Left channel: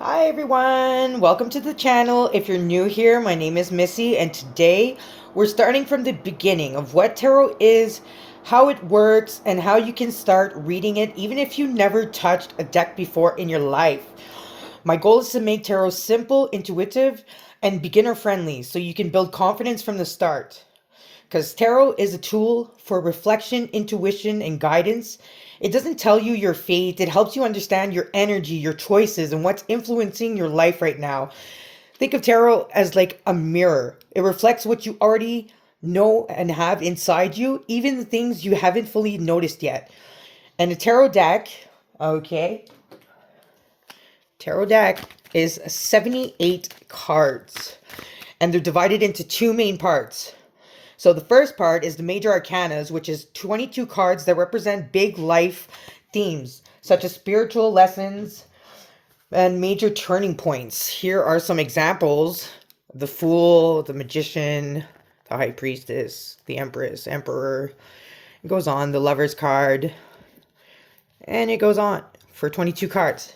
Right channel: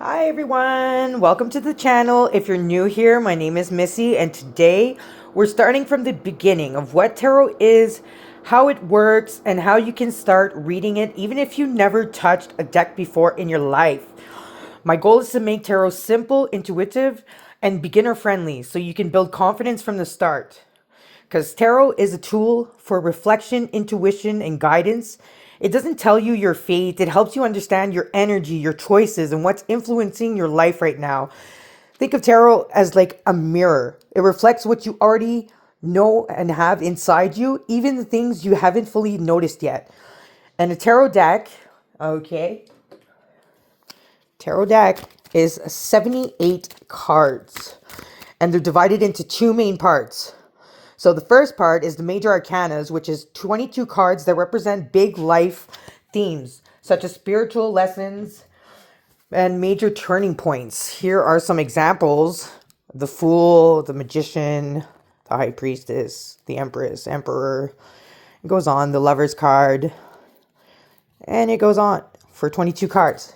Hi everyone, welcome to the channel. If you're new here, my name is Missy, and today we're starting from the beginning of what tarot is, how it works, and how you can start reading it even if you never touched a deck before in your life. My goal is to make tarot simple, intuitive, and beginner friendly so you can build confidence from the start. Because tarot is a tool for reflection, intuition, and guidance. It doesn't tell you your fate, it helps you understand your energy, your choices, and what's influencing your life right now. Think of tarot as like a mirror. It reflects what you already know and have inside you, even the things you haven't fully noticed yet. And a tarot deck, okay, tarot deck is 78 cards, and they're divided into two main parts. So the first part is the major arcanas, which is 22 cards that represent big life themes, such as spiritual lessons and major turning points. Here are some examples: the Fool, the Magician, the High Priestess, the Empress, Emperor. It goes on, the Lover's card, and it goes on for 22 cards.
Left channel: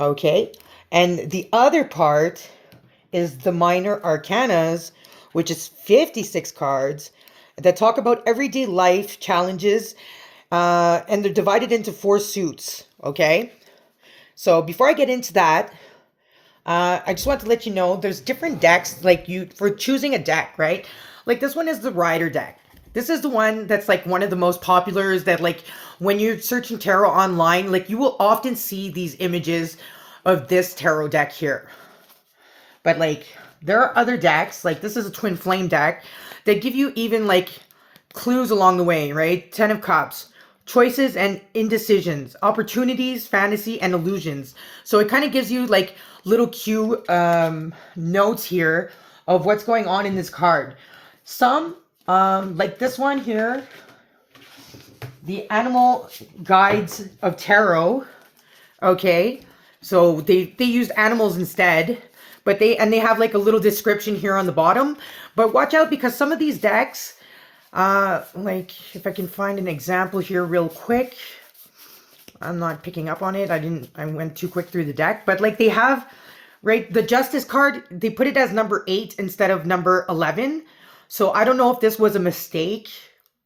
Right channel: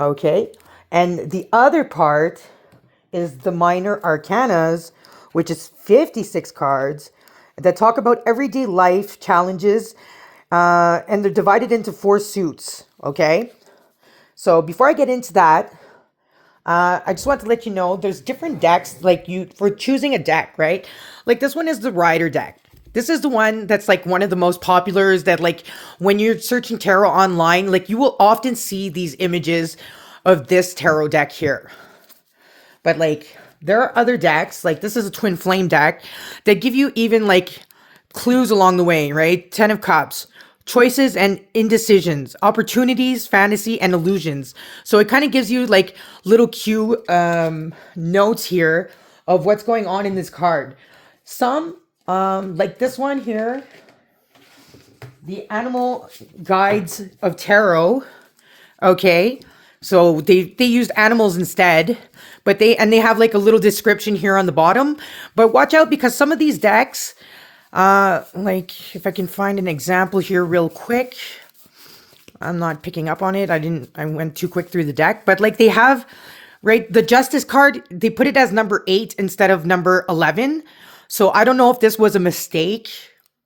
Okay, and the other part is the minor arcanas, which is 56 cards that talk about everyday life challenges, and they're divided into four suits. Okay, so before I get into that, I just want to let you know there's different decks, like you for choosing a deck, right? Like this one is the Rider deck. This is the one that's like one of the most populars that, like, when you're searching tarot online, like you will often see these images of this tarot deck here. But like there are other decks, like this is a twin flame deck, that give you even like clues along the way, right? 10 of Cups, choices and indecisions, opportunities, fantasy, and illusions. So it kind of gives you like little cue notes here of what's going on in this card. Some, like this one here, the Animal Guides of Tarot. Okay, so they used animals instead, but they have like a little description here on the bottom. But watch out, because some of these decks, like if I can find an example here real quick, I'm not picking up on it. I went too quick through the deck, but like they have, right, the Justice card, they put it as number 8 instead of number 11. So I don't know if this was a mistake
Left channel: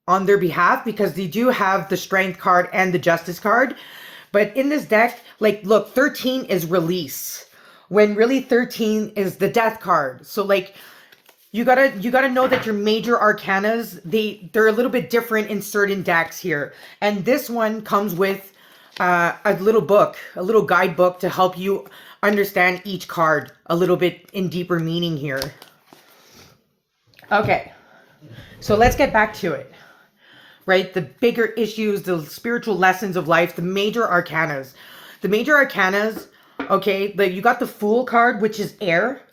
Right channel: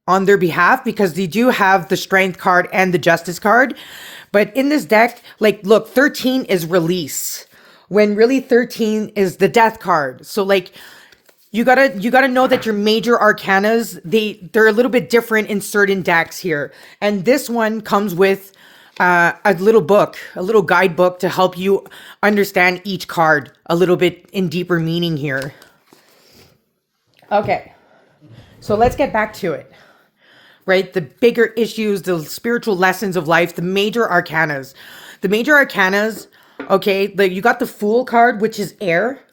on their behalf, because they do have the Strength card and the Justice card. But in this deck, like, look, 13 is release, when really 13 is the Death card. So like you gotta know that your major arcanas, they're a little bit different in certain decks here. And this one comes with a little book, a little guidebook to help you understand each card a little bit in deeper meaning here. Okay, so let's get back to it. Right? The bigger issues, the spiritual lessons of life, the major arcanas. The major arcanas, okay, you got the Fool card, which is air.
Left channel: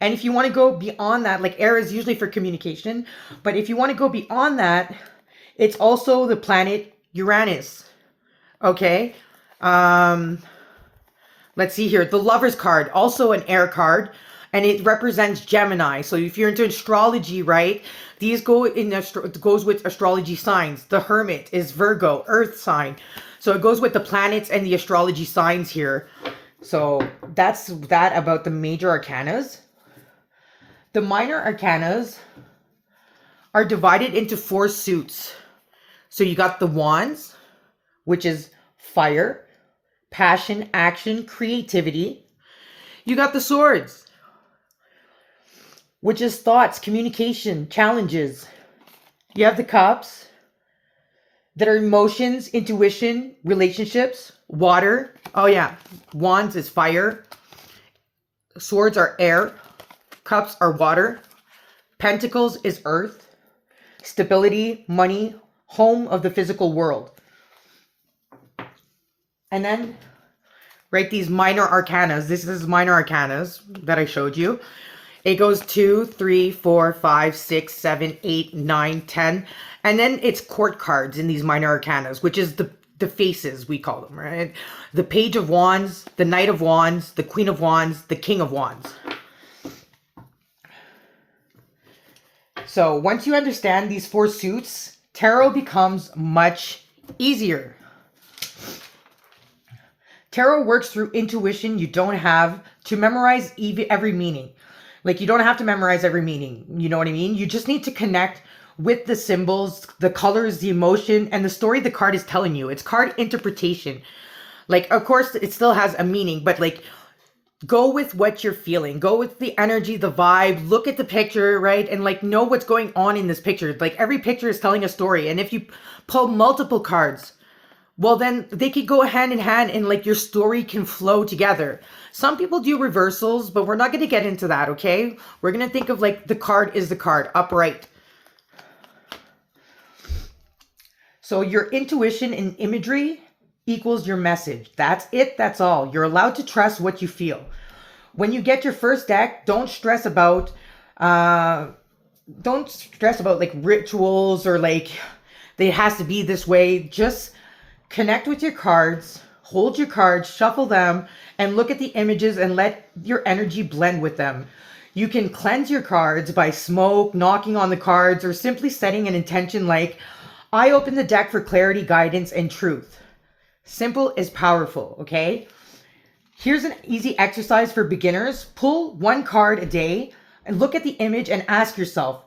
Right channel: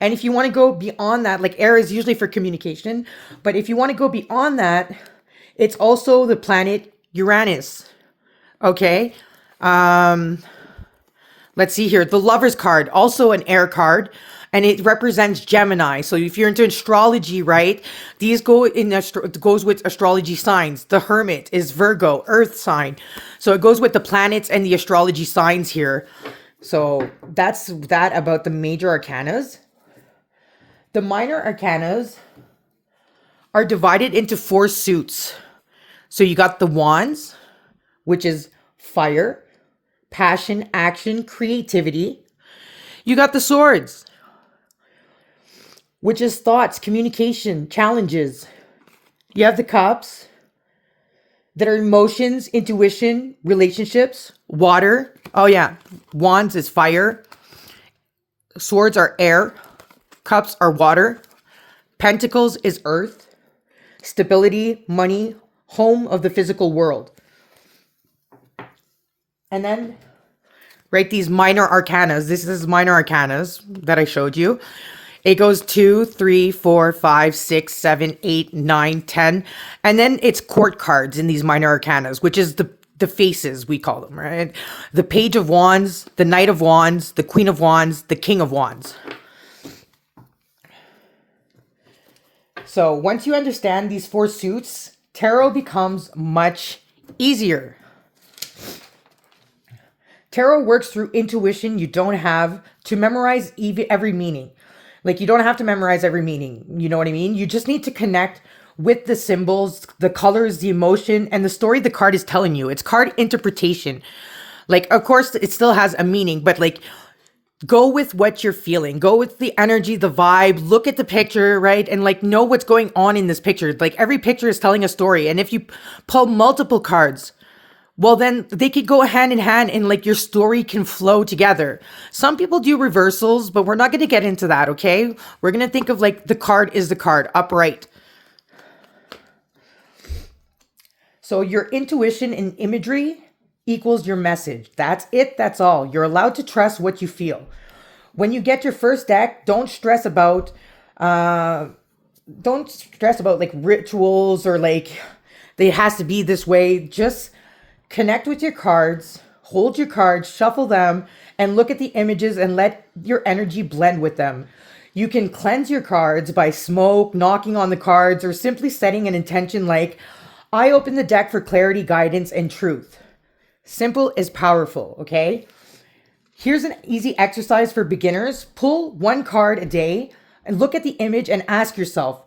And if you want to go beyond that, like air is usually for communication, but if you want to go beyond that, it's also the planet Uranus. Okay? Let's see here. The Lover's card, also an air card, and it represents Gemini. So if you're into astrology, right, these goes with astrology signs. The Hermit is Virgo, Earth sign. So it goes with the planets and the astrology signs here. So that's that about the major arcanas. The minor arcanas are divided into four suits. So you got the Wands, which is fire, passion, action, creativity. You got the Swords, which is thoughts, communication, challenges. You have the Cups, that are emotions, intuition, relationships, water. Oh yeah, Wands is fire. Swords are air. Cups are water. Pentacles is earth. Stability, money, home of the physical world. And then, right, these minor arcanas. This is minor arcanas that I showed you. It goes 2, 3, 4, 5, 6, 7, 8, 9, 10. And then it's court cards in these minor arcanas, which is the faces, we call them, right? The Page of Wands, the Knight of Wands, the Queen of Wands, the King of Wands. So once you understand these four suits, tarot becomes much easier. Tarot works through intuition. You don't have to memorize every meaning. Like, you don't have to memorize every meaning. You know what I mean? You just need to connect with the symbols, the colors, the emotion, and the story the card is telling you. It's card interpretation. Like, of course, it still has a meaning, but like, go with what you're feeling. Go with the energy, the vibe. Look at the picture, right? And like, know what's going on in this picture. Like, every picture is telling a story. And if you pull multiple cards, well, then they could go hand in hand and like your story can flow together. Some people do reversals, but we're not going to get into that, okay? We're going to think of like the card is the card, upright. So your intuition and imagery equals your message. That's it. That's all. You're allowed to trust what you feel. When you get your first deck, don't stress about like rituals or like it has to be this way. Just connect with your cards, hold your cards, shuffle them, and look at the images and let your energy blend with them. You can cleanse your cards by smoke, knocking on the cards, or simply setting an intention like, I open the deck for clarity, guidance, and truth. Simple is powerful, okay? Here's an easy exercise for beginners. Pull one card a day and look at the image and ask yourself,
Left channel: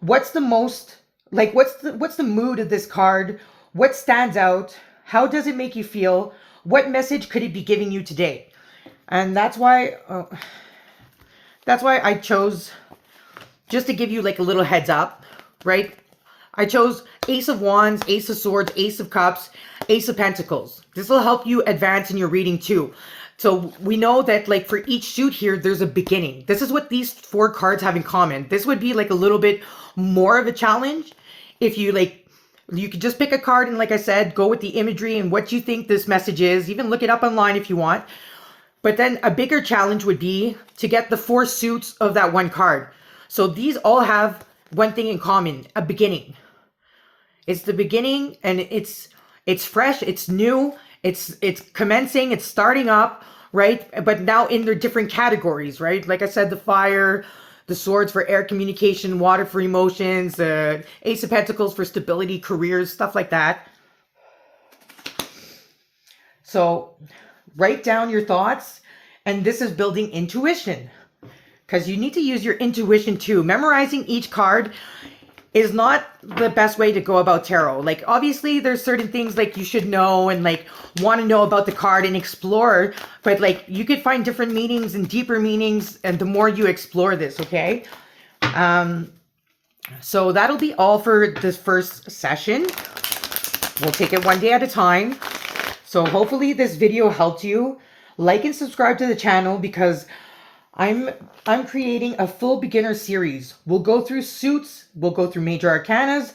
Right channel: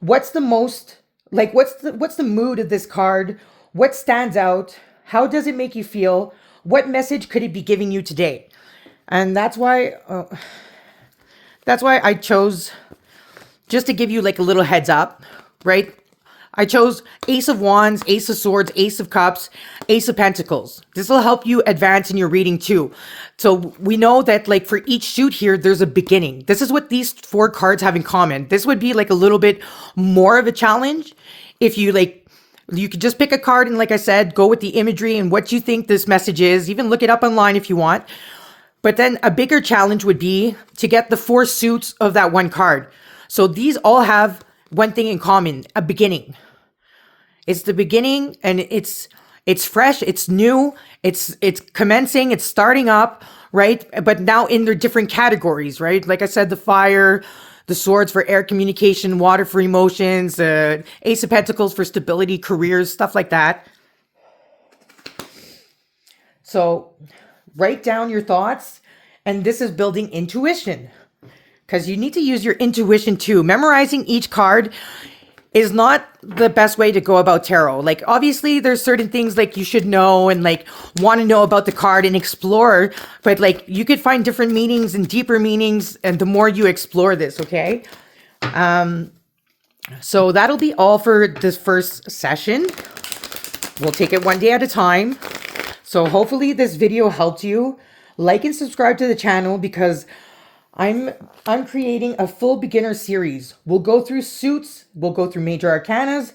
what's the mood of this card? What stands out? How does it make you feel? What message could it be giving you today? And that's why I chose, just to give you like a little heads up, right? I chose Ace of Wands, Ace of Swords, Ace of Cups, Ace of Pentacles. This will help you advance in your reading too. So we know that like for each suit here, there's a beginning. This is what these 4 cards have in common. This would be like a little bit more of a challenge if you you could just pick a card and, like I said, go with the imagery and what you think this message is. Even look it up online if you want. But then a bigger challenge would be to get the 4 suits of that one card. So these all have one thing in common, a beginning. It's the beginning, and it's fresh, it's new, it's commencing, it's starting up, right? But now in their different categories, right? Like I said, the fire, the swords for air communication, water for emotions, Ace of Pentacles for stability, careers, stuff like that. So write down your thoughts, and this is building intuition, because you need to use your intuition too. Memorizing each card is not the best way to go about tarot. Like, obviously there's certain things like you should know and like want to know about the card and explore, but like you could find different meanings and deeper meanings, and the more you explore this, okay? So that'll be all for this first session. We'll take it one day at a time. So hopefully this video helped you. Like and subscribe to the channel, because I'm creating a full beginner series. We'll go through suits, we'll go through major arcanas,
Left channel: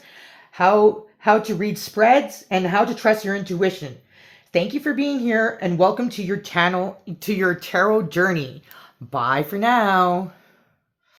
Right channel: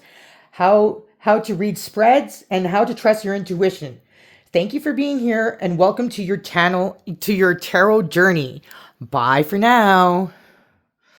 how to read spreads, and how to trust your intuition. Thank you for being here, and welcome to your channel, to your tarot journey. Bye for now.